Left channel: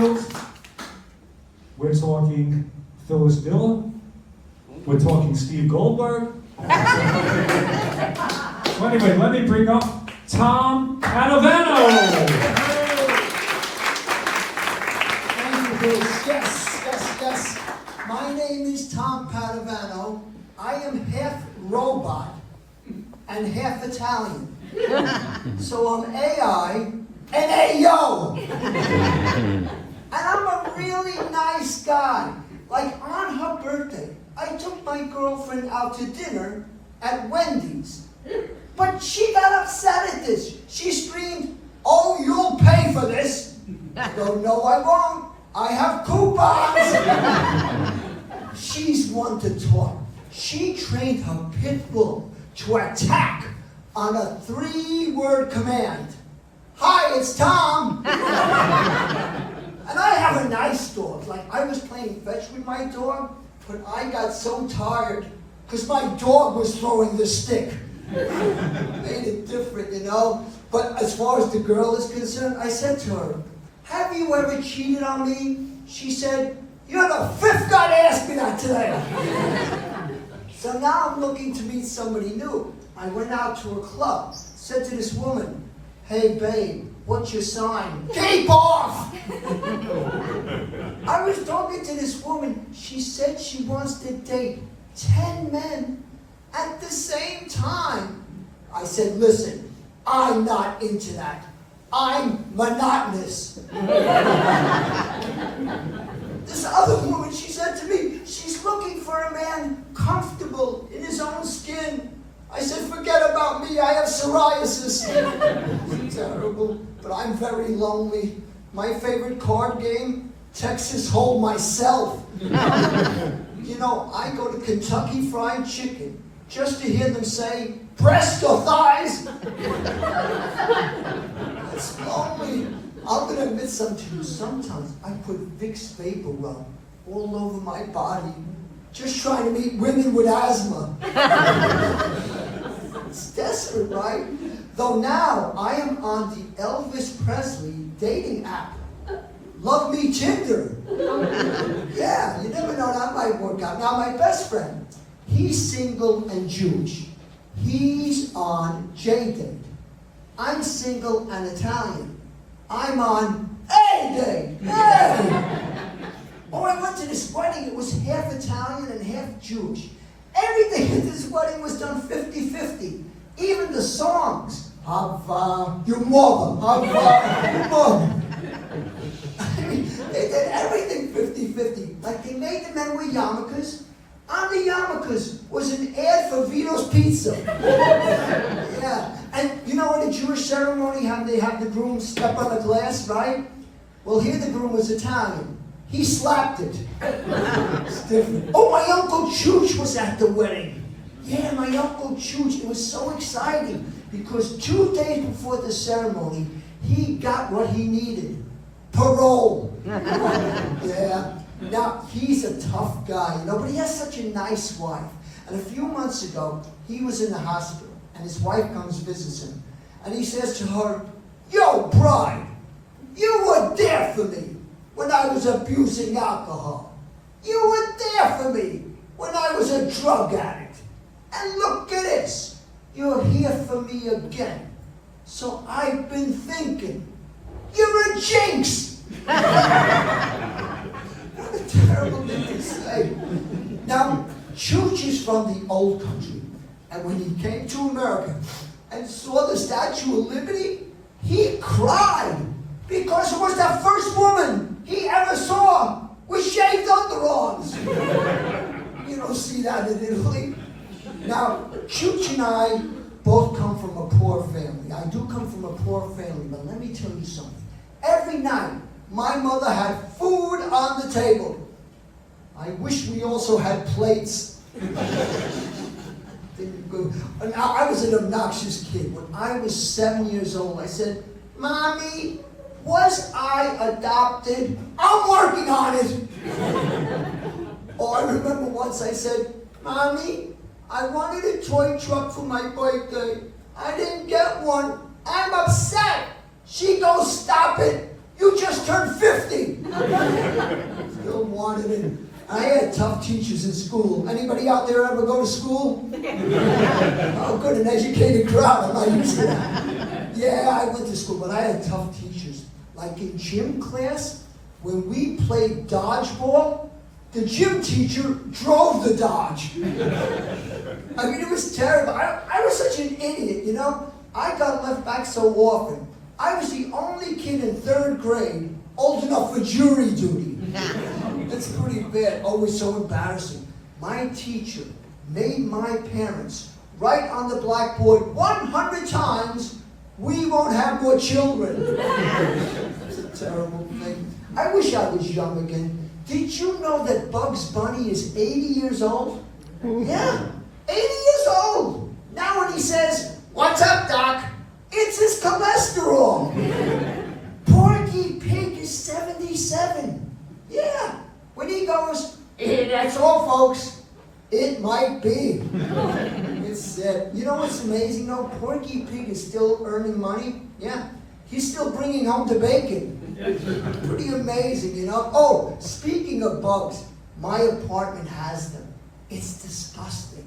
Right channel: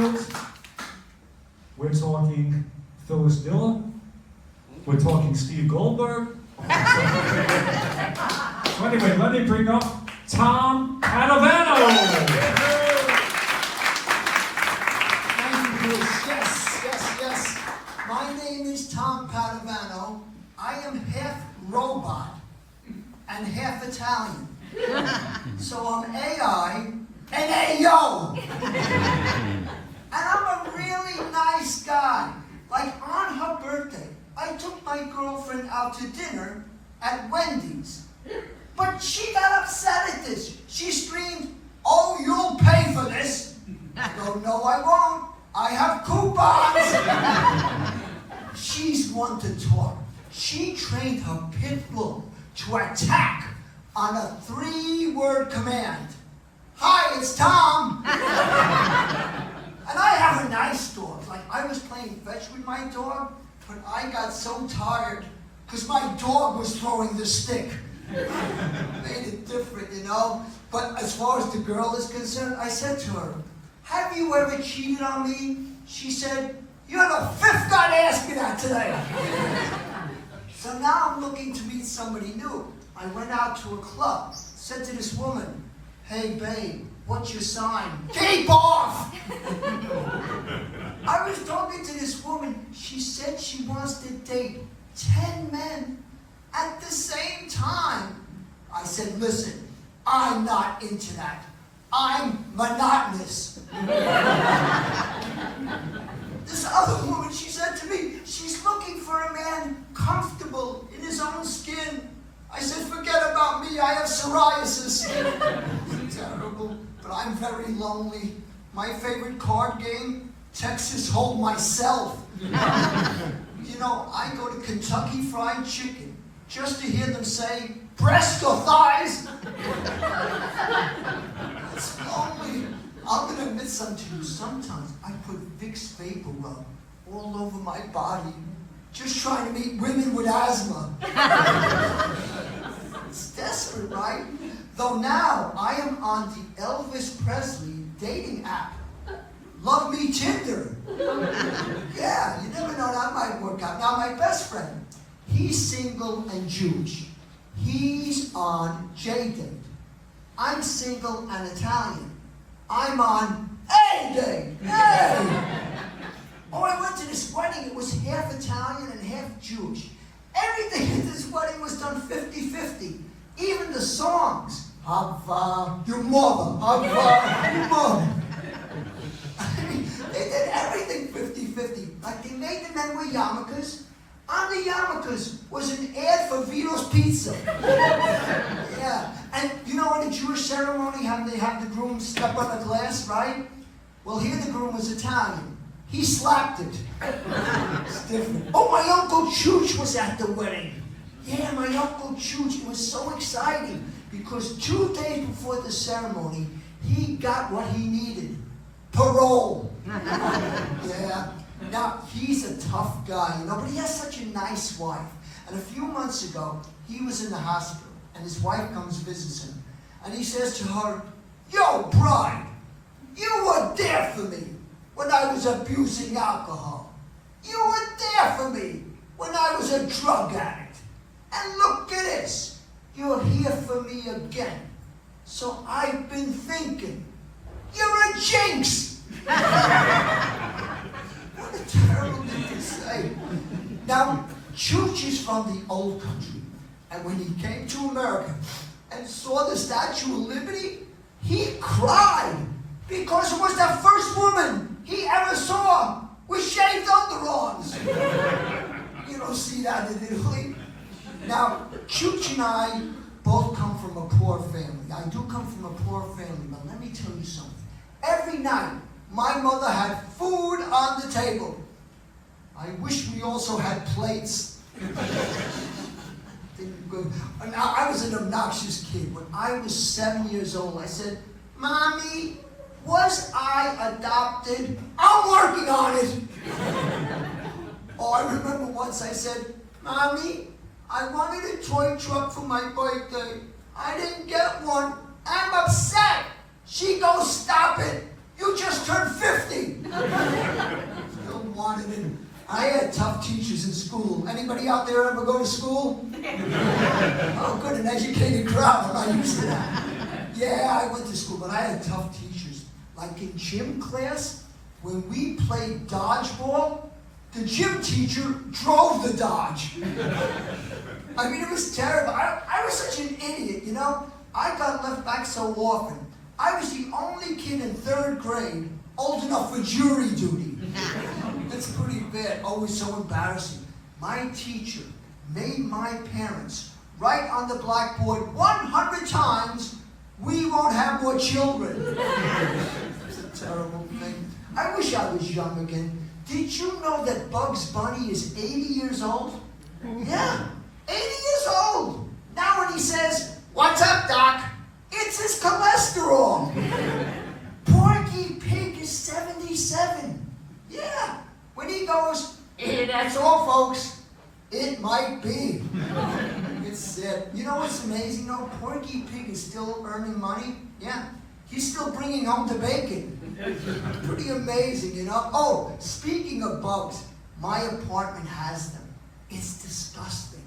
Fields. We're talking Phyllis Diller. We're talking Steve Goldberg. So anyway, let me bring up Tom Padovano. Thank you, Bruce. Yes. My name is Tom Padovano. I am half robot and half Italian. So I'm AI and AO. And I'm a really nice guy. Like on her birthday, I took my girlfriend out to dinner at Wendy's. But she got upset at this. She screamed, "Oh, you'll pay for this." I go, "No, I won't. I have coupons." She's one to talk. She trained her pit bull to attack on a 3-word command. "Hi, it's Tom." And I have a nice dog. Like, I was playing fetch with my dog, but I got so tired because my dog was throwing the stick. Made it different, you know? But as far as the girl is concerned, I said to her, "Have you ever cheated on me?" She said, "You're the 5th guy to ask me that today." So now I'm looking to meet somebody new. I went out to a club, said to this woman, "Hey babe, what's your sign?" "Keep off!" I was talking to this woman. She said she wants to date 10 men at the same time. I said, "Listen, I'm not into that. I'm monotonous." This other woman, she said to me, she's looking for a man comfortable in his own skin. I said, "Forget about me, I have psoriasis." Terrible, but I'm very lonely. My favorite card game, Texas Hold Myself. You know, I go to Kentucky Fried Chicken just to hear them say, "Breast or thighs?" It's lonely. I'm going to admit something to you. Sometimes I put Vicks Vapor Rub all over my body, just trying to meet women with asthma. It's desperate, right? Though now I am on the Elvis Presley dating app. Love Me Tinder. Yeah, you never know, that might work out. Now my best friend, he's single and Jewish. He's on J-Date. I'm single and Italian. I'm on A-Date. Hey! Oh, I went to this wedding. It was half Italian and half Jewish. Everything at this wedding was done 50-50. Even the songs. Hava, your mother. Hava, your mother. They did everything 50-50. Like they made the men wear yarmulkes. On the yarmulkes was an ad for Vito's Pizza. Yeah. And you know in a Jewish ceremony how they have the groom step on a glass, right? Well, here the groom was Italian. He slapped it. It's different. Oh, my Uncle Chooch was at the wedding. Yeah, my Uncle Chooch. It was so exciting because 2 days before the ceremony, he got what he needed. Parole. Yeah. Now, he's a tough guy, you know, but he has such a nice wife. And a few months ago, he was in the hospital, and his wife comes visits him. And he says to her, "Yo, bride, you were there for me when I was abusing alcohol. You were there for me when I was a drug addict. And look at this, you're here for me again. So I've been thinking, you're a jinx." What a terrible thing to say. Now, Chooch is from the old country, and when he came to America and saw the Statue of Liberty, he cried because it was the first woman he ever saw with shaved underarms. You don't see that in Italy. Now, Chooch and I both come from a poor family. I do come from a poor family, but let me tell you something. Every night, my mother had food on the table. I wish we also had plates. Now, I was an obnoxious kid. When I was 7 years old, I said, "Mommy, was I adopted? I'm working on it." Or I remember once I said, "Mommy, I wanted a toy truck for my birthday. I didn't get one. I'm upset." She goes, "Stop it. You just turned 50. Still wanted it. I had tough teachers in school. Anybody out there ever go to school? Oh, good, an educated crowd. I'm not used to that. Yeah, I went to school, but I had tough teachers. Like in gym class, when we played dodgeball, the gym teacher drove the dodge. I mean, it was terrible. I was such an idiot, you know? I got left back so often. I was the only kid in 3rd grade old enough for jury duty. It's pretty bad. Oh, it's so embarrassing. My teacher made my parents write on the blackboard 100 times, "We won't have more children." It's a terrible thing. I wish I was young again. Did you know that Bugs Bunny is 80 years old? Yeah, 80 years old. Now when he says, "What's up, Doc?" it's his cholesterol. Porky Pig is 77. Yeah. When he goes, "That's all, folks," it might be. It's sad. You know what's amazing though? Porky Pig is still earning money. Yeah. He's still bringing home the bacon. Pretty amazing, you know? Oh, speaking of bugs, my apartment has them. It's disgusting.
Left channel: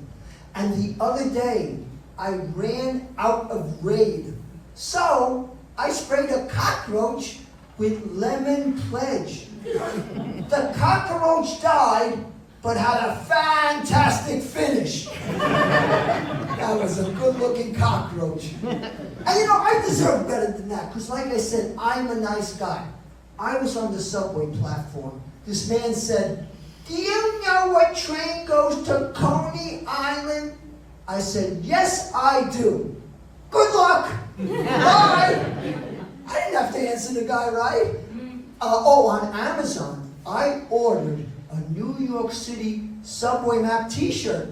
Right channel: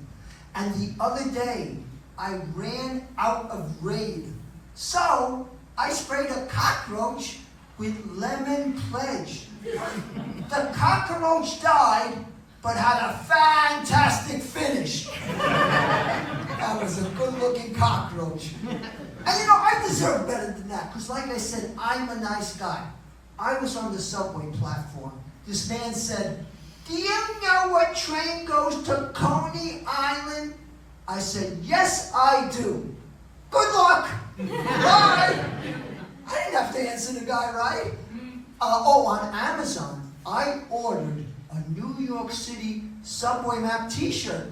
And the other day, I ran out of Raid. So, I sprayed a cockroach with Lemon Pledge. The cockroach died, but had a fantastic finish. That was a good-looking cockroach. And you know, I deserve better than that, because like I said, I'm a nice guy. I was on the subway platform. This man said, "Do you know what train goes to Coney Island?" I said, "Yes, I do." "Good luck." Bye. I didn't have to answer the guy right. On Amazon, I ordered a New York City subway map t-shirt.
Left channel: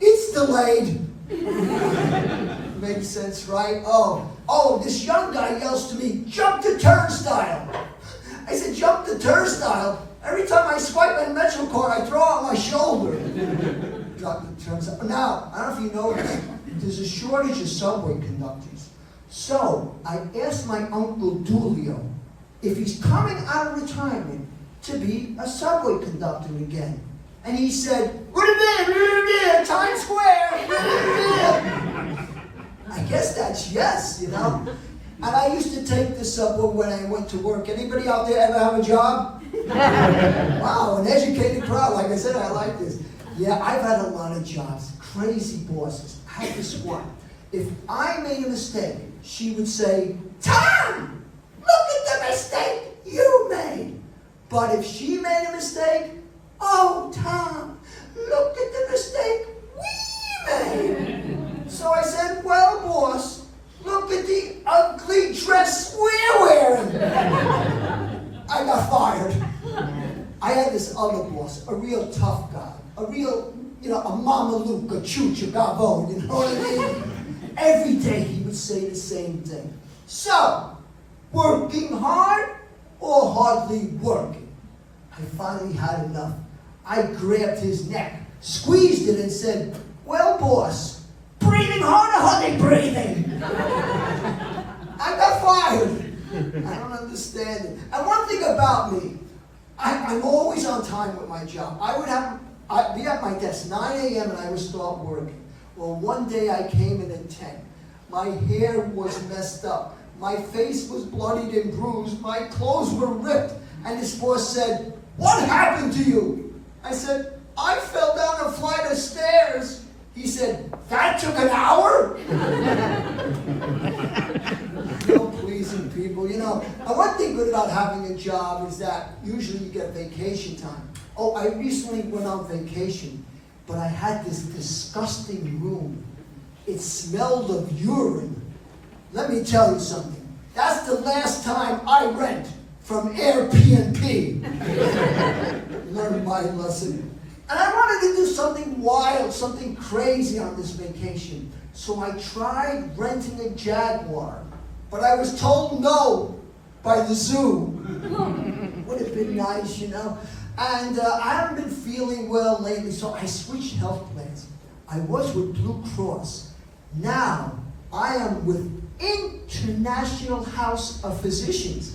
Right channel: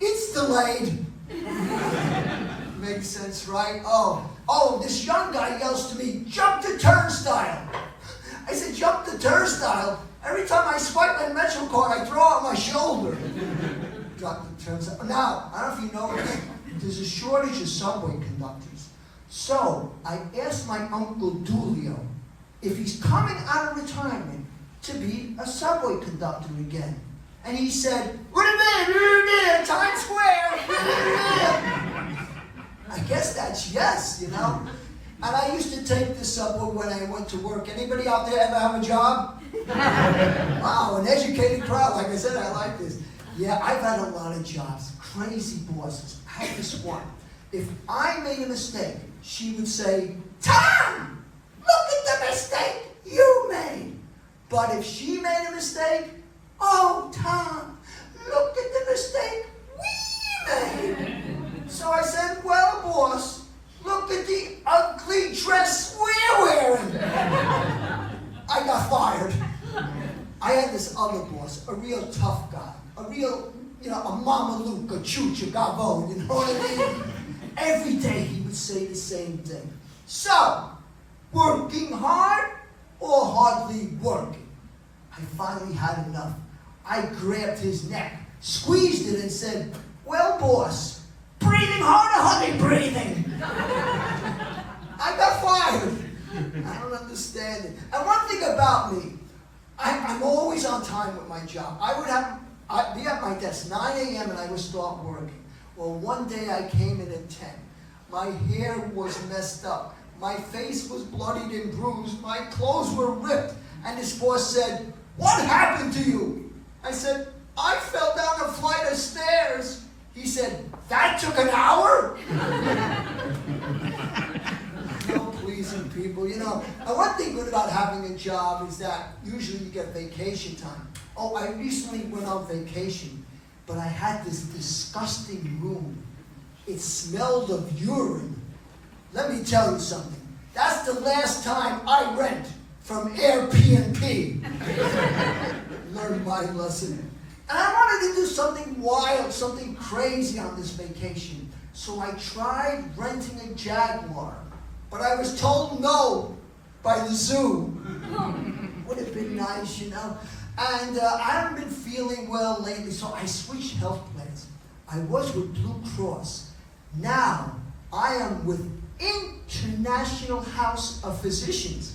It's delayed. Makes sense, right? Oh, this young guy yells to me, "Jump the turnstile." I said, "Jump the turnstile?" Every time I swipe my Metro card, I throw out my shoulder. Drop the turnstile. Now, I don't know if you know this, there's a shortage of subway conductors. So, I asked my Uncle Dulio if he's coming out of retirement to be a subway conductor again. And he said, "What a minute, Times Square." I guess that's yes, you know. And I used to take the subway when I went to work. Anybody out there ever have a job? Wow, an educated crowd. Like I said, I like this. Yeah, I've had a lot of jobs. Crazy bosses. I had this one. If I made a mistake, she would say, "Tom, look at the mistake you made." But if she made a mistake, "Oh, Tom, look at the mistake we made." So I said, "Well, boss, look at the ugly dress we're wearing." I got fired. I had this other boss, a real tough guy, a real, a Mama Luke, a Choo-Choo Gavo, you know what I mean? Every day he would say the same thing. "So, working hard or hardly working?" I finally had enough. I grabbed his neck, squeezed it, and said, "Well, boss, breathing hard or hardly breathing?" I got fired. I don't understand it. And one thing about me, I'm always on time with my job. I'd be at my desk 9 a.m. and I would start working. Well, one day I came in at 10. My hair was messed up. My face was bloodied and bruised. My clothes were ripped. And his boss said, "What happened to you?" I said, "I fell down a flight of stairs." He said, "That took an hour?" No pleasing people, And one thing good about having a job is that usually you get vacation time. Oh, I recently went on vacation, but I had this disgusting room. It smelled of urine. Let me tell you something. That's the last time I rent from Airbnb. Learned my lesson. And I wanted to do something wild, something crazy on this vacation. So I tried renting a Jaguar, but I was told no by the zoo. Would have been nice, And I haven't been feeling well lately, so I switched health plans. I was with Blue Cross. Now I am with International House of Physicians.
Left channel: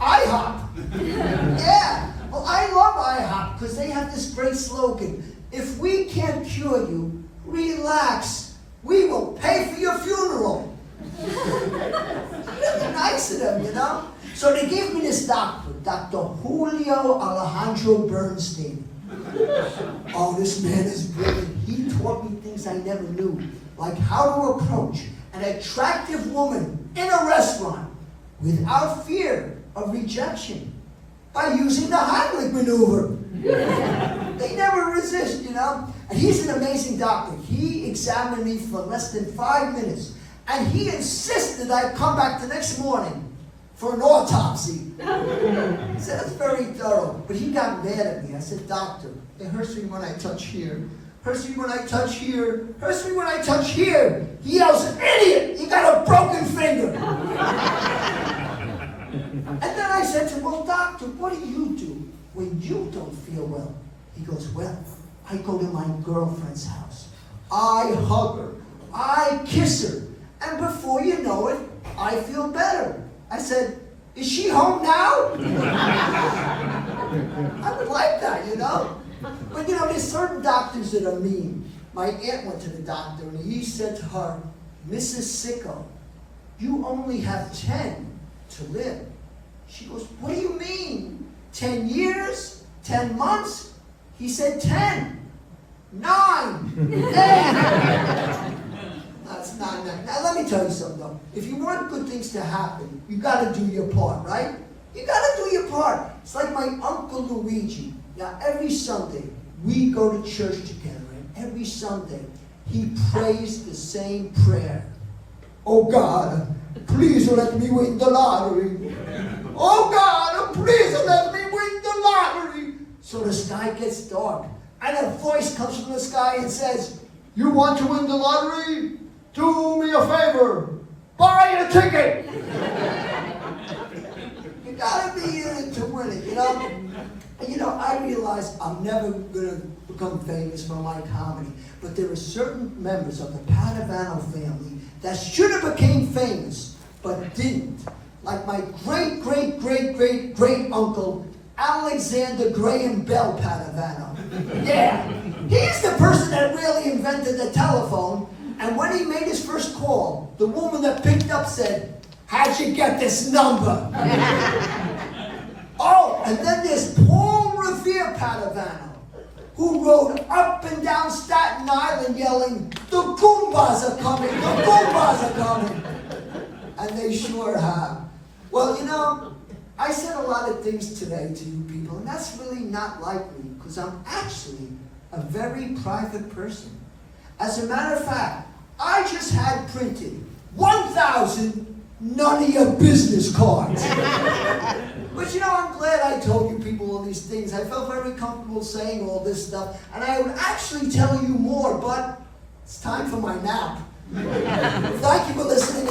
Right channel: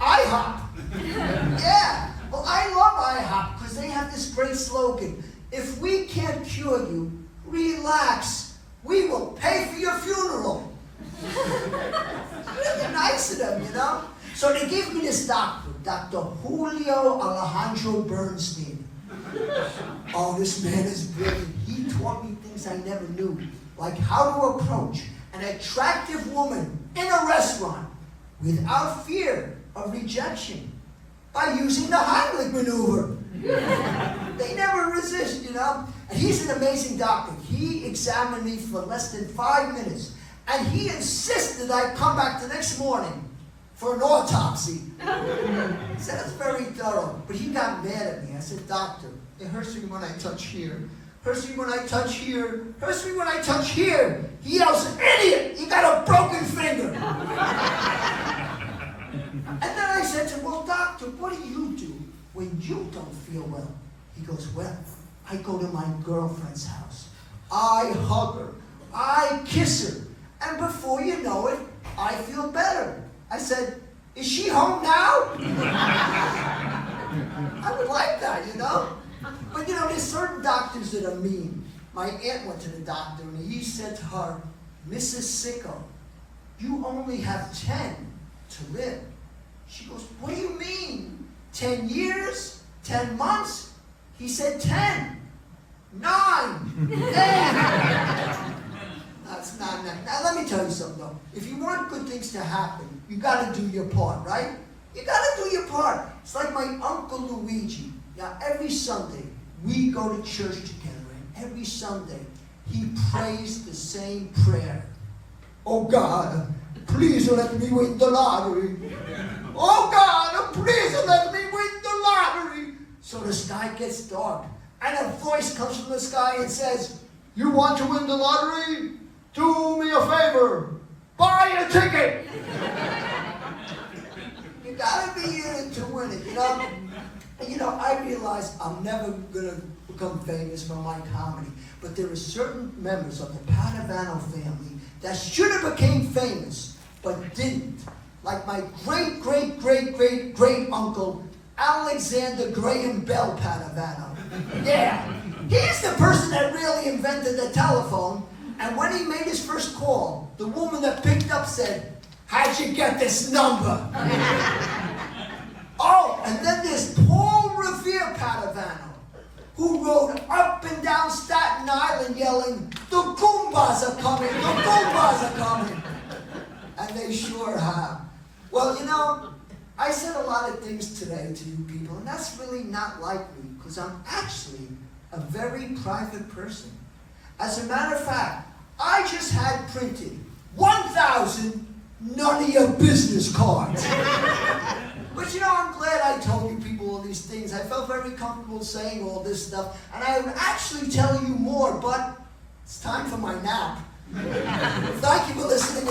IHOP. Yeah. Well, I love IHOP because they have this great slogan. If we can't cure you, relax. We will pay for your funeral. Really nice of them, you know? So they gave me this doctor, Dr. Julio Alejandro Bernstein. Oh, this man is brilliant. He taught me things I never knew, like how to approach an attractive woman in a restaurant without fear of rejection by using the Heimlich maneuver. They never resist, you know? And he's an amazing doctor. He examined me for less than 5 minutes, and he insisted I come back the next morning for an autopsy. He said, that's very thorough. But he got mad at me. I said, doctor, it hurts me when I touch here. Hurts me when I touch here. Hurts me when I touch here. He yells, idiot, you got a broken finger. And then I said to him, well, doctor, what do you do when you don't feel well? He goes, well, I go to my girlfriend's house. I hug her. I kiss her. And before you know it, I feel better. I said, is she home now? I would like that, you know? But you know, there's certain doctors that are mean. My aunt went to the doctor and he said to her, Mrs. Sicko, you only have 10 to live. She goes, what do you mean? 10 years? 10 months? He said 10. 9. 8. That's not nice. Now let me tell you something though. If you want good things to happen, you gotta do your part, right? You gotta do your part. It's like my Uncle Luigi. Now every Sunday, we go to church together, and every Sunday, he prays the same prayer. Oh God, please let me win the lottery. Oh God, please let me win the lottery. So the sky gets dark, and a voice comes from the sky and says, you want to win the lottery? Do me a favor. Buy a ticket. You gotta be in it to win it, you know? And you know, I realize I'm never gonna become famous for my comedy, but there are certain members of the Padovano family that should have became famous, but didn't. Like my great, great, great, great, great uncle, Alexander Graham Bell Padovano. Yeah, he's the person that really invented the telephone, and when he made his first call, the woman that picked up said, how'd you get this number? Oh, and then there's Paul Revere Padovano, who rode up and down Staten Island yelling, the Goombas are coming, the Goombas are coming. And they sure have. Well, you know, I said a lot of things today to you people, and that's really not like me, because I'm actually a very private person. As a matter of fact, I just had printed 1,000 none of your business cards. But you know, I'm glad I told you people all these things. I felt very comfortable saying all this stuff, and I would actually tell you more, but it's time for my nap. Thank you for listening.